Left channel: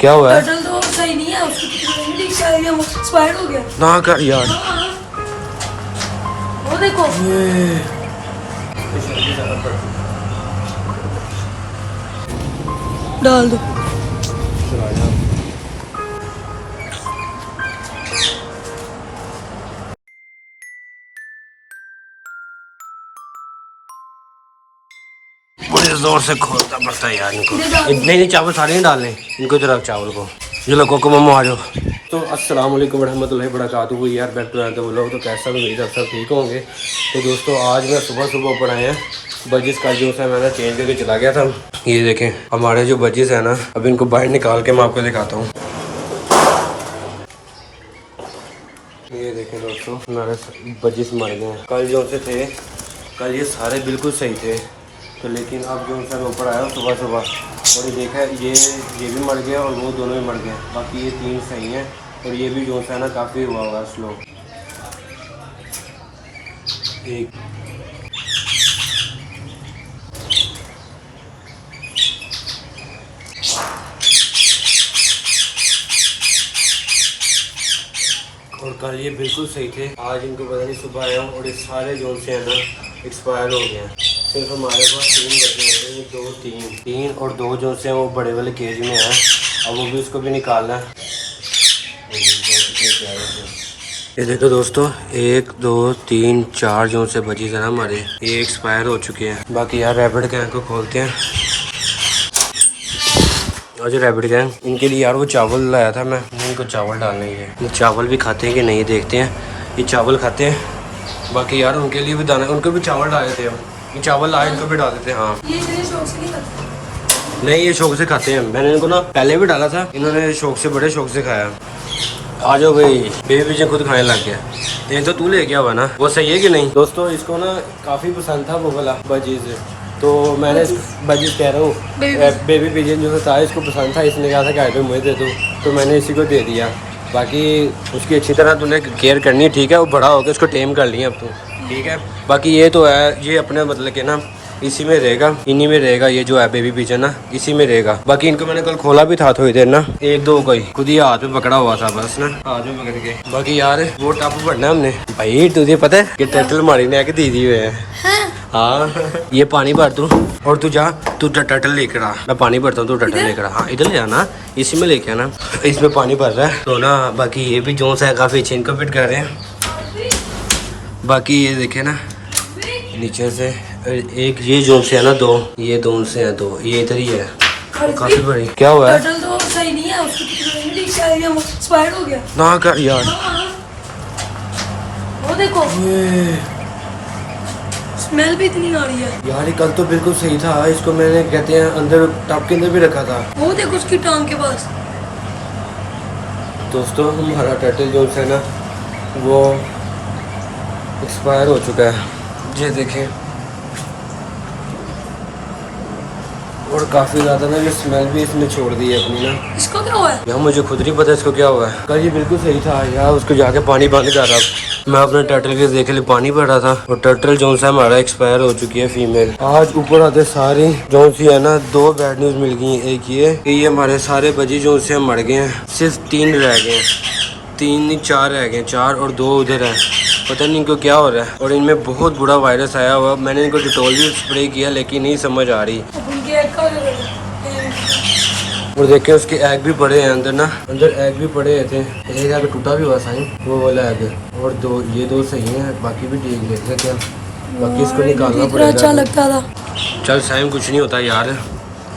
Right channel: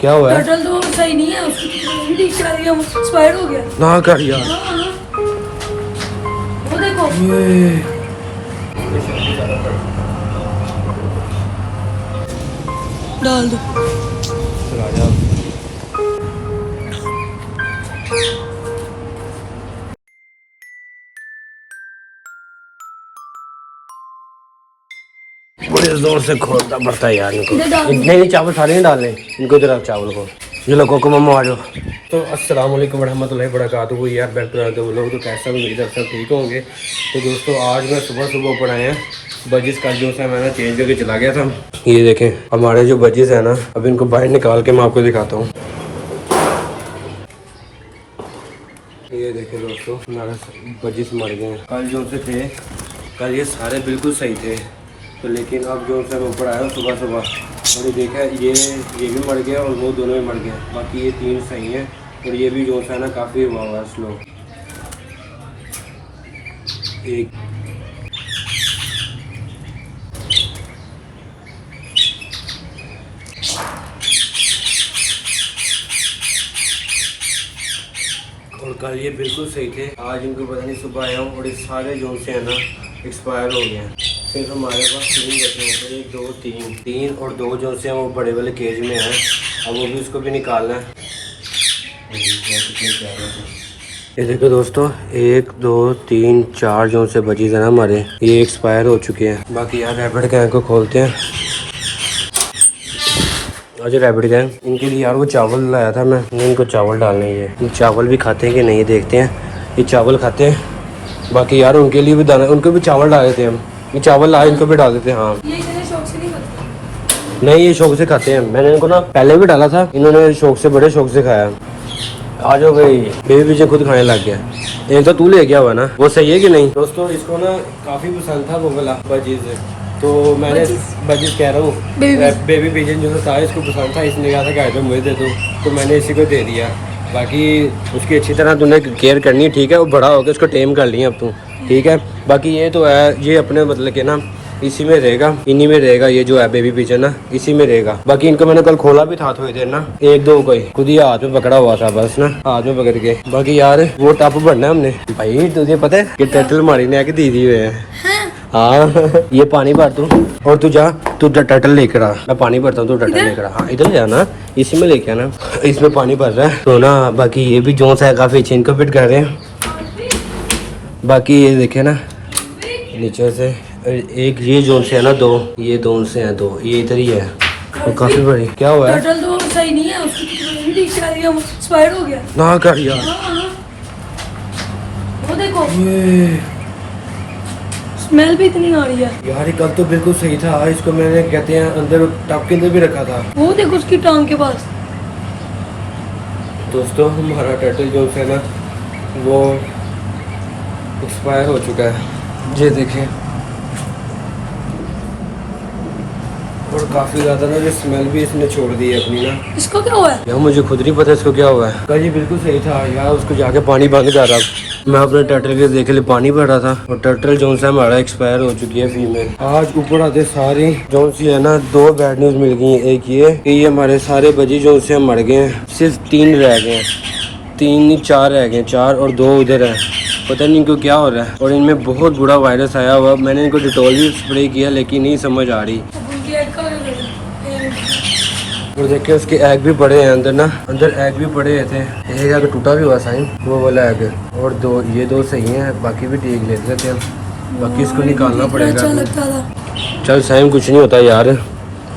क्या हुआ है? टर्टल तो सही नहीं है, उसकी एक्सपायर हो गया ना कर यार। वो देखो डाल दो। बड़े जोर से खोलना पड़ता है यार इनको। नहीं चावल सारे नहीं डालने इनको, जरा चावल को। चलो कोको मम्मा आ जाओ। तो अस्सलाम वालेकुम रहमतुल्लाहि व बरकातुहू यार, बैक टू तो लोग तो कैसा भी मेरी सब ठीक होंगे। तो दोस्तों आज मैं सुबह सुबह ऊपर आए हैं। बजिस का जो है मैंने चेंज करके चला गया था। ये देखें हमारे जो बजिस है ना, अब इनको बाहर निकाल के मैं आपको दिखाता हूँ। ये देखें दोस्तों हमारे बजिस मर गए हैं। कल जो से थे, कल ये सारे बिल्कुल सही थे, तो लेकिन अब जो है मैं ऊपर आया हूँ सुबह सुबह और ये देखा ये भी मर गया और वो दोनों भी मर गए। बाकी ये तीन सही हैं और ये भी जो है ना काफ़ी हुआ हुआ स्लो। एक और कल ये बिल्कुल सही थे, आज इनको पता नहीं सुबह आया हूँ और ये सारे जो से है ना एक्सपायर हो गए हैं। सिर्फ हमारे पास तीन बचे हैं, एक दो तीन और दो जो से वो बड़े वाले केज में हैं। अब वो भी उसको भी निकालना है। ये देखो दोस्तों 1 2 3 4 जो से बची है ना हमारे, ये एक्सपायर हो चुके हैं। बाकी यार रैपिड गैंग को खोलते हैं। और जो रैपिड गैंग इनके लिए यार वो चावल लाया था मैं, इनको चावल डालने। ये चावल भी खाते हैं कि नहीं देखते हैं। ये चावल खाते हैं। बाकी यार उनके लिए भी दाना, उनको भी चावल डाल देते हैं हम। ये चावल ला इनको भी डाल देते हैं। हाँ नहीं ये शौक से खाते हैं। मैंने इनको ना पहले भी डाला था, इन्होंने शौक से बड़े शौक से खाया। आ जाओ भाई, बेबी पीछे खुद खाने लग गया। ये तो तू ले गया हुआ ना, वो सही है कि नहीं? दोस्तों इसको ना काफ़ी पसंद था वो वाला बजीज, तो मैंने बजीज कह रहा हूँ बेबी पिजन जो था इसको पसंद था। इसने कहा था कि आइटम मुझे दे दो, तो मैंने इसी को दे दिया। बाकी उसकी अच्छी तरह तूने केयर करनी है, ठीक है? वो बड़ा हो गया, उसको टेम कर लिया अब तू, ठीक है? बाकी ये तो है, ये अपने मतलब के ना इसी में रहेगा, इन्हीं में रहेगा। ये जो है बेबी पिजन ना इसी में रहेगा। बाकी इनको मैंने कल खोला भी था थोड़ी देर ना, एक दो को ही खुद ही हाथ में पकड़ा हुआ था बस ना, हाथ में पकड़ के। बाकी यार वो टप भरना हमने। भाई तुझे पता है कि टर्टल मारी ने आके दीदी हुए हैं। हाँ ये पानी भर तू और तू जा, तू टर्टल लेकर आ। मैं पानी भरता हूँ, तू टर्टल लेकर आ। हाँ इधर ले आना, इसी में लेके आना। इसमें पानी भर रहा है तो ना। बाकी ये भी जोन सा है काफ़ी अच्छे, इनको फिट कर रहे हैं। बाकी ये देखे ना नीचे से एक ये जोन से है ना, दो ये जोन से है, दो ये इधर ही है। तो काफी बड़ी। क्या हुआ है? टर्टल तो सही नहीं है, उसकी एक्सपायर हो गया ना कर यार। वो देखो ये स्मेल भी इतनी आ रही है यार। कल तो बिल्कुल सही था, इसको मैंने कहते हैं अंदर टब के अंदर भी रखा था। वो देखो उसकी टांग के पास। दोस्तों हमारा टर्टल जो है ना वो एक्सपायर हो चुका है, ये देखें। और काफ़ी ज़्यादा ना जो स्मेल भी इसने छोड़ दी है अपनी ना। इसको क्या हुआ है यार मुझे खुद नहीं पता इसको क्या हुआ है। कल ये बिल्कुल सही था यार, उसको जाके पानी बंद कर रहा। मैं अपने टर्टल के देख लिए पानी भर रहा था और टर्टल जो सा हमारा एक्सपायर हो चुकी है फीमेल। आज ऊपर आते सारी जो सी है ना, दो बैड न्यूज़ मिल गई हैं। एक ये कि ये हमारे सारे बजी जो से मर गए हैं, सिर्फ 3 रह गए हैं। 3 नहीं 4 रह गए, 4 और 2 उधर हैं। पता नहीं इनको क्या हो रहा है और इनमें बहुत बुरा वायरस आया हुआ। मैंने इनको डिटॉल भी स्प्रे किया लेकिन नहीं समझ आ रही। और देखिए उसके एग भी पड़े हैं अंदर ना, अंदर एग भी पड़े थे। एक एग टूटा भी हुआ साईं, वो वाला एग। और दो ये दो सही हैं, बाकी भी ठीक ले लेते हैं। बाकी इसको निकालना पड़ेगा। अच्छा लगता था। चल साईं कुछ नहीं होता यार,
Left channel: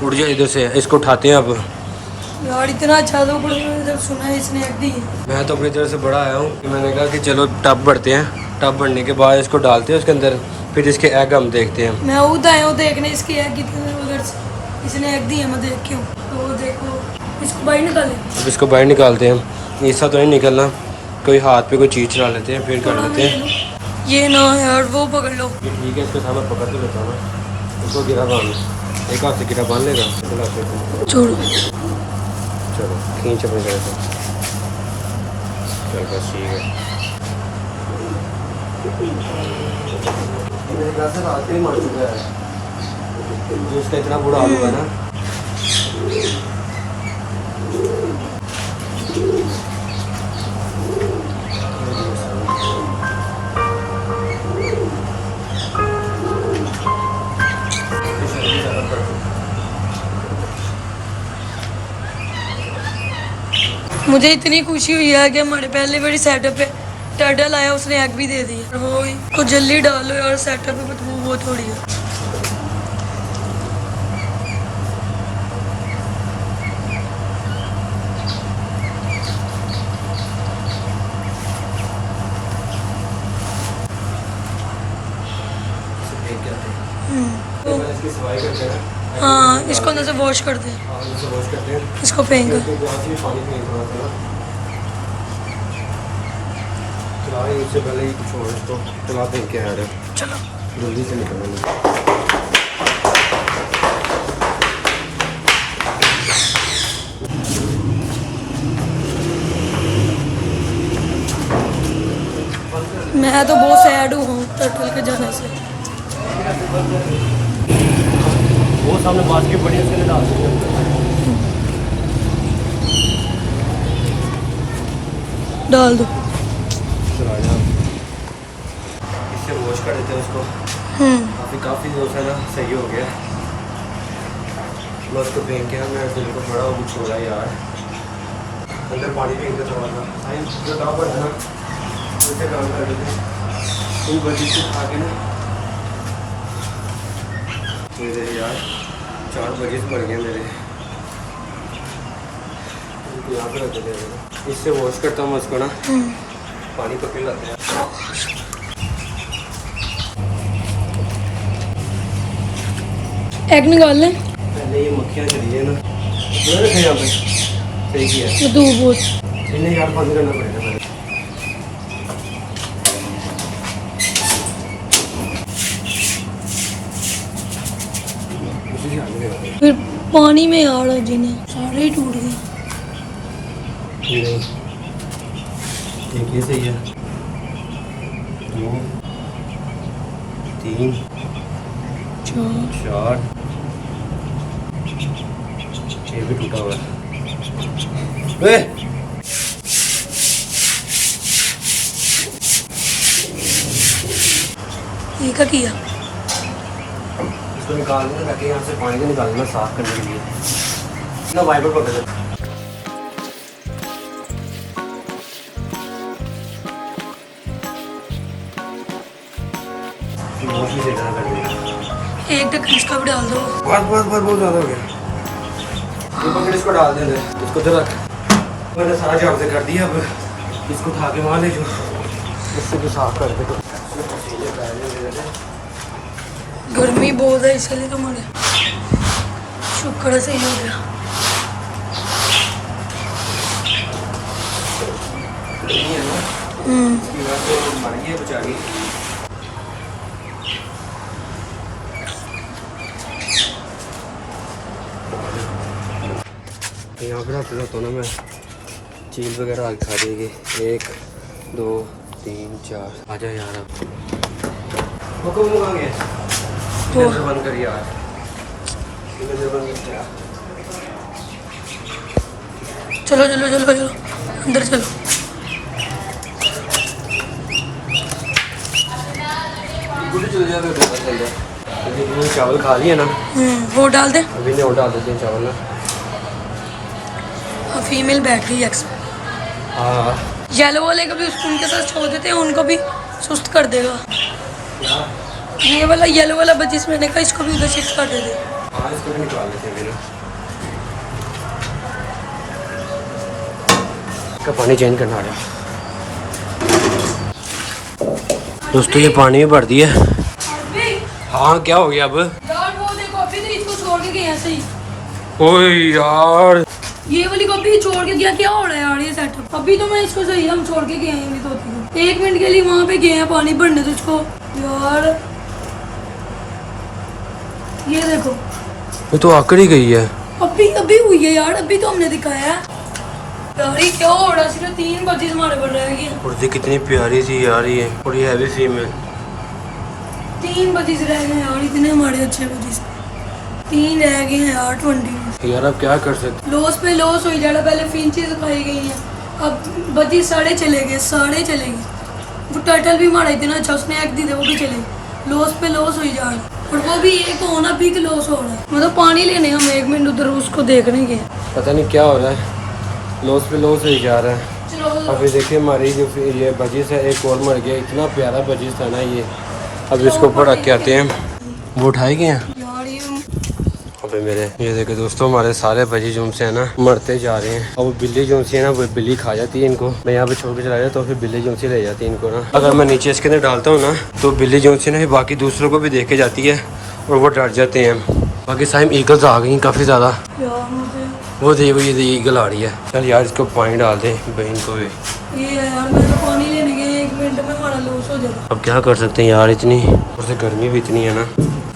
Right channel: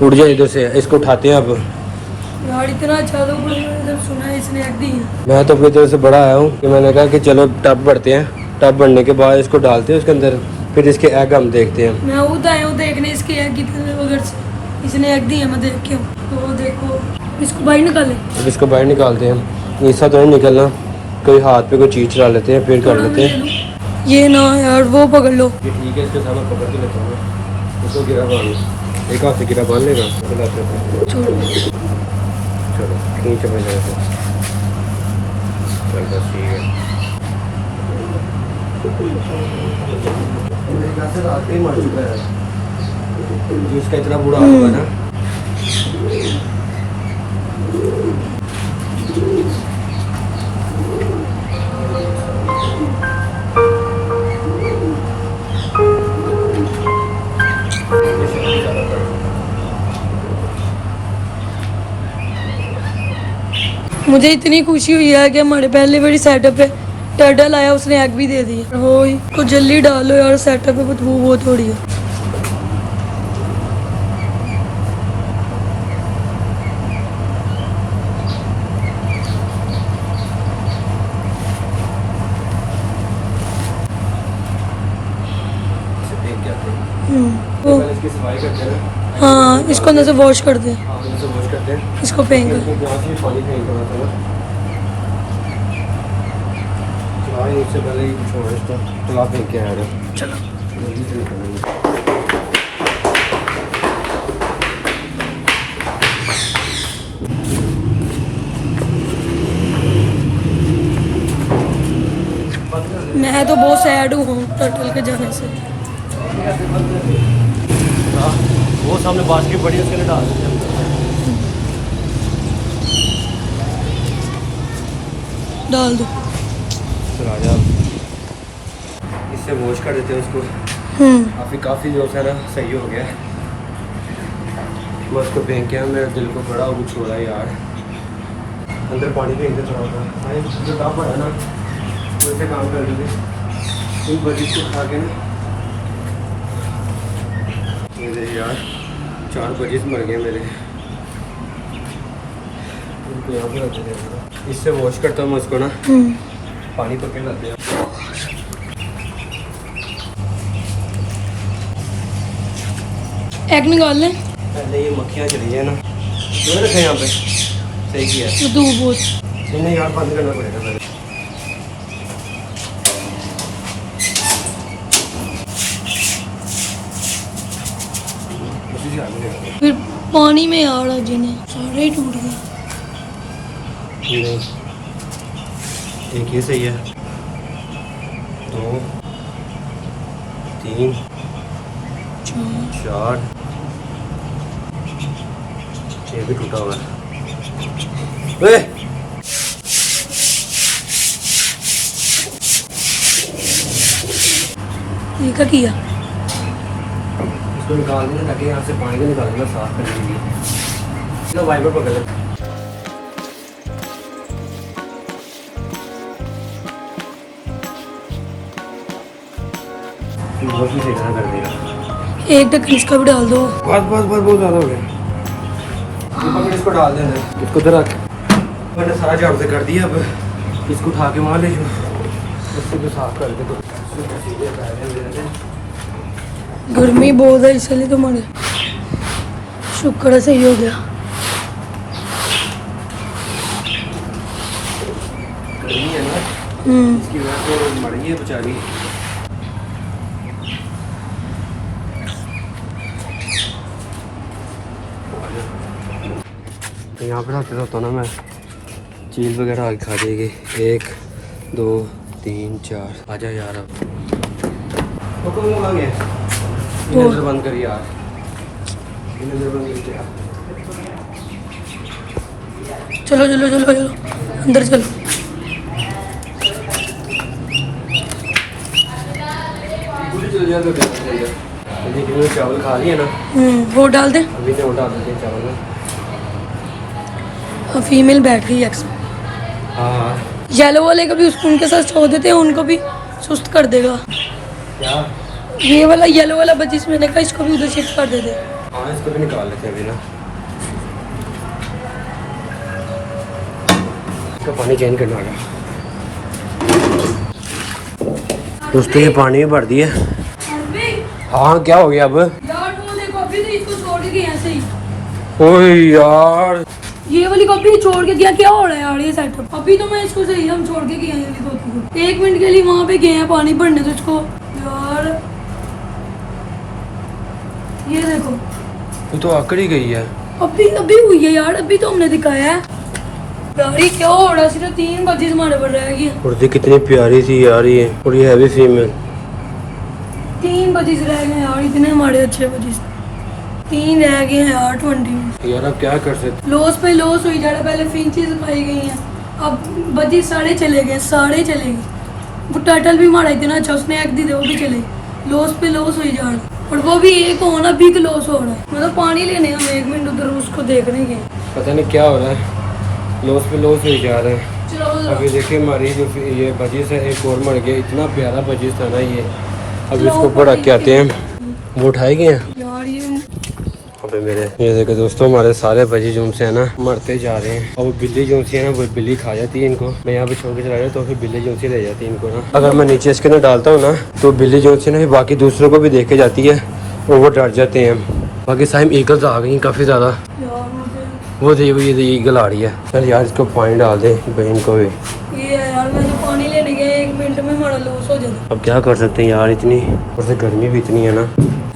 उठ जाए इधर से। इसको उठाते हैं अब। यार इतना अच्छा था, जब सुना इसने एग दी है। मैं तो अपनी तरफ से बड़ा आया हूँ कि मैंने कहा कि चलो टब भरते हैं। टब भरने के बाद इसको डालते हैं उसके अंदर, फिर इसके एग हम देखते हैं। मैं उधर आया हूँ देखने इसके एग कितने वगैरह से इसने एग दी है, मैं देख के हूँ। तो देखो इसको बाहर निकालें। अब इसको बाहर निकालते हैं। ऐसा तो नहीं निकलना, कोई हाथ पे कोई चीज़ चला लेते हैं फिर कर लेते हैं। ये ना यार वो पकड़ लो। ये ठीक है, इसके सामने पकड़ के लेता हूँ ना। इसको गिरा बांध, एक हाथ से गिरा बांध लेगा। छोड़ो चलो खींच अपने जगह से। चलो बस ठीक है। मेरे ख्याल से रात ही मर चुका है, इसका इतना बुरा हाल हुआ ना। मुझे इतनी खुशी हुई है कि हमारे पहले बड़ी सेटअप पे टर्टल आया, उसने एग भी दे दिया। हो को जल्दी डालो यार, सेटअप पे बदबू बहुत हो रही है। तो पहले इसकी सफाई करते हैं ना। हाँ, इसको अंदर से वॉश कर दे, हाँ, इसे वॉश करते हैं। इसको फेंक कर। यहाँ से पानी फेंक थोड़ा सा ना। चला इससे पहले ही कुछ और इसको चला फेंक के आ रहे। चलो जल्दी से निकलेंगे। मैं तो बहुत सैड हूँ टर्टल के जाने से। वो सामने बास्केट पड़ी है, उसके लिए डाल सकते हैं। डाल दो। चला जा, इससे वॉश कर देते हैं उसको। काफ़ी जो है ना सही हो गया। मैं उसको फेंक के मेरा दिल को बड़ा कुछ हो रहा है यार। अंदर पानी फेंक दे थोड़ा सा, काम पड़ा ना वैसे काम कर देते। तुम बजी से खा के ना मेरे यार 4 बजे से मर गए मेरे। इनको यहाँ पर रख देते हैं। इससे वॉश करता हूँ मैं उसको ना, पानी पकड़ लाते हैं। एग निकाल लें। पहले ये मक्खियाँ चली है ना, तो रखे यहाँ पे। सही किया। दूध बहुत इन्हें यार बंद करना पड़ेगा पहले। फिर पानी में यार जिन्हें सारे ही टूट गए। नहीं ठीक है, सही है। 2 3 4 ये भी टूटा हुआ है। ये क्या किया? इसको निकाल देना ताकि यहाँ से पानी को निकालना साफ करने के लिए ना। वाइपर पकड़ ले। वॉश भी देखना कर देगा। एक तक इसका भी डाल दो। बस बहुत ज़्यादा हो गया। पकड़, इसको डाल दे, इसको तो रख। मैंने सारा झाड़ू से कर दिया, अब इसको उठा के वहाँ ले जाओ, उससे भी साफ कर दे। गर्मी बहुत है इसलिए तुम्हारे। शुक्र है सही हो गया। गर्मी है ना, इसकी वजह से मर गई है बेचारी। तो यहाँ पर हटता होता ना मैं, चीज़ वगैरह आगे खा देगी। 1 2 3 4 आजा यार। अब वो तुम लोग आ गए। इधर बंद कर यार, इधर बंद कर यार। चलो चलो चलो चलो अंदर चलो। चावल खा लिए ना, वो डाल दे। अभी नहीं डाल देते हैं चावल ना। हाँ, फीमेल बैठ गई एक्स में। हाँ येलो वाले का भी उनके साथ छोड़ देते हैं, उनको भी सुस्त कर देगा। क्या? ये वाला येलो वाला बच्ची मैंने कहा इसको भी उधर शिफ्ट कर देते। हाँ, इसको भी निकाल लेते हैं अभी ना। इसका पानी चेंज करना आ रहा। दोस्तों ये पानी भी भर दिया। हाँ क्या हो गया अब? ओए यार, ये वाली कॉपी छोड़ के गया, क्या हो रहा है यार ये सेटअप? अभी तो मैं इसको सही हम छोड़ के गए हैं तो 1 मिनट के लिए वहाँ पे गए हैं पानी भरने, तो इसको यार ये देखो ये तो आकर ही गई है। अभी हुई है यार, अभी तो हमने दिखाया है यार। ये क्या हो रहा है? सिर्फ 3 बजे हमारे पर रह गई। और ये कितनी प्यारी सी यार ये, और ये हैवी फीमेल। 3 बजे रह गए यार, इतने हमारे अच्छे बजे। 3 रह गए हैं यार 20 में। यार अब क्या कर सकते। लॉस पे लॉस हुई जा रहा, पहले फिंचेस खाई गई हैं, अब बजी साढ़े चले गए। वो टर्टल भी मारा इतना अच्छा, उसने एग दी थे, वो भी चले गए। लॉस पे लॉस हुई जा रहा, और वो भी एक होना बिग लॉस हो रहा है। मतलब पानी लेने हम 1 मिनट उधर उसको देखने के, पता नहीं क्या हो रहा है, लॉस पे लॉस हो जा रहा है। चलो अभी देखिए हमारी जो ये बजीज है, एक और मर गया, इतना प्यारा बजीज था ना ये। अब इसको ऊपर रख के आते हैं, वो उठाए गए हैं। यार ये अबे मेरे ये देखो दोस्तों, हमारे सारे बजी जो से है ना मरते जा रहे हैं। और वो बिल्ली जो है ना, वो बिल्ली खा जाती है इनको। मैं यहाँ पे छोड़ के चला जाता तो फिर बिल्ली जो ले जाती है इनको ना। अगर मैं नीचे इसके अंदर डालता हूँ ना, तो बिल्ली जो है ना बाकी दूसरों को भी देख के जाती है और वो डर जाते हैं। बाकी साइम ईगल्स आ गई काफ़ी ज़्यादा। वो ये ईगल आ रही है। चल यार इसको पानी डाल दे बहन को भी। ये यार मैं तो पानी लेने गया 1 मिनट में हमारा लॉस हो जाता। अब क्या कर सकते हैं यार, इतनी और से गर्मी भी इतनी है ना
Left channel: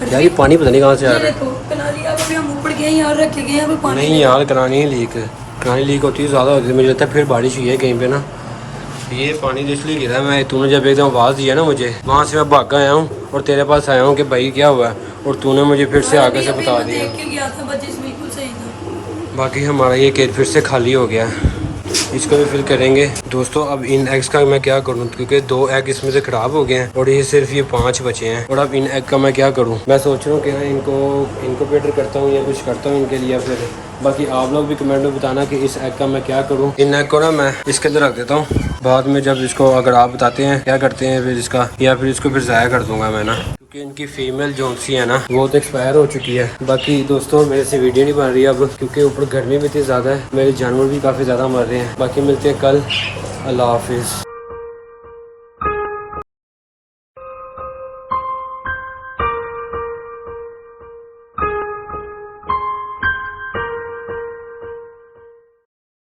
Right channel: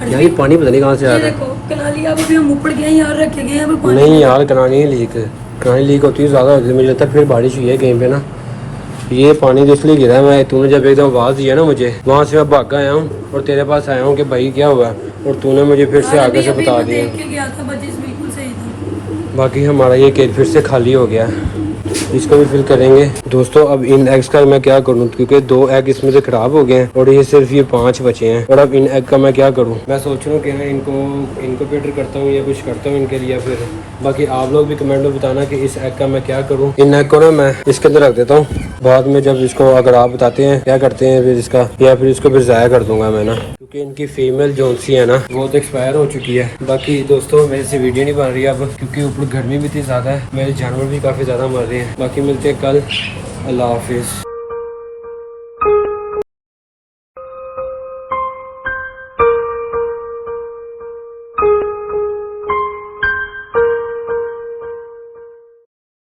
यार। ये पानी पता नहीं कहाँ से आ रहा है। कनाली का भी हम ऊपर गए यार, रखे गए हैं पानी। नहीं यार कनानी लीक होती है ज़्यादा होती है, मुझे लगता है फिर बारिश हुई है कहीं पे ना। ये पानी इसलिए गिरा है, मैं तूने जब एकदम आवाज़ दिया ना मुझे, वहाँ से मैं भाग आया हूँ और तेरे पास आया हूँ कि भाई क्या हुआ है, और तूने मुझे फिर से आगे से बता दिया। गया था बजिस बिल्कुल सही था। बाकी हमारा ये केज फिर से खाली हो गया, इसको भी फिल करेंगे दोस्तों। अब इन एग्स का मैं क्या करूँ, क्योंकि 2 एग इसमें से खराब हो गए हैं और ये सिर्फ ये 5 बचे हैं। और अब इन एग का मैं क्या करूँ, मैं सोच रहा हूँ कि ना इनको पेटर करता हूँ या कुछ करता हूँ इनके लिए। फिर बाकी आप लोग भी कमेंट में बताना कि इस एग का मैं क्या करूँ। इन एग को ना मैं इसके अंदर रख देता हूँ, बाद में जब इसको अगर आप बताते हैं क्या करते हैं फिर इसका, या फिर इसको फिर ज़ाया कर दूंगा मैं ना, क्योंकि इनकी फीमेल जोनसी है ना वो तो एक्सपायर हो चुकी है। बाकी दोस्तों मेरे से वीडियो नहीं बन रही अब, क्योंकि ऊपर गर्मी भी इतनी ज़्यादा है, मेरे जानवर भी काफ़ी ज़्यादा मर रहे हैं। बाकी मिलते हैं कल, अल्लाह हाफिज़।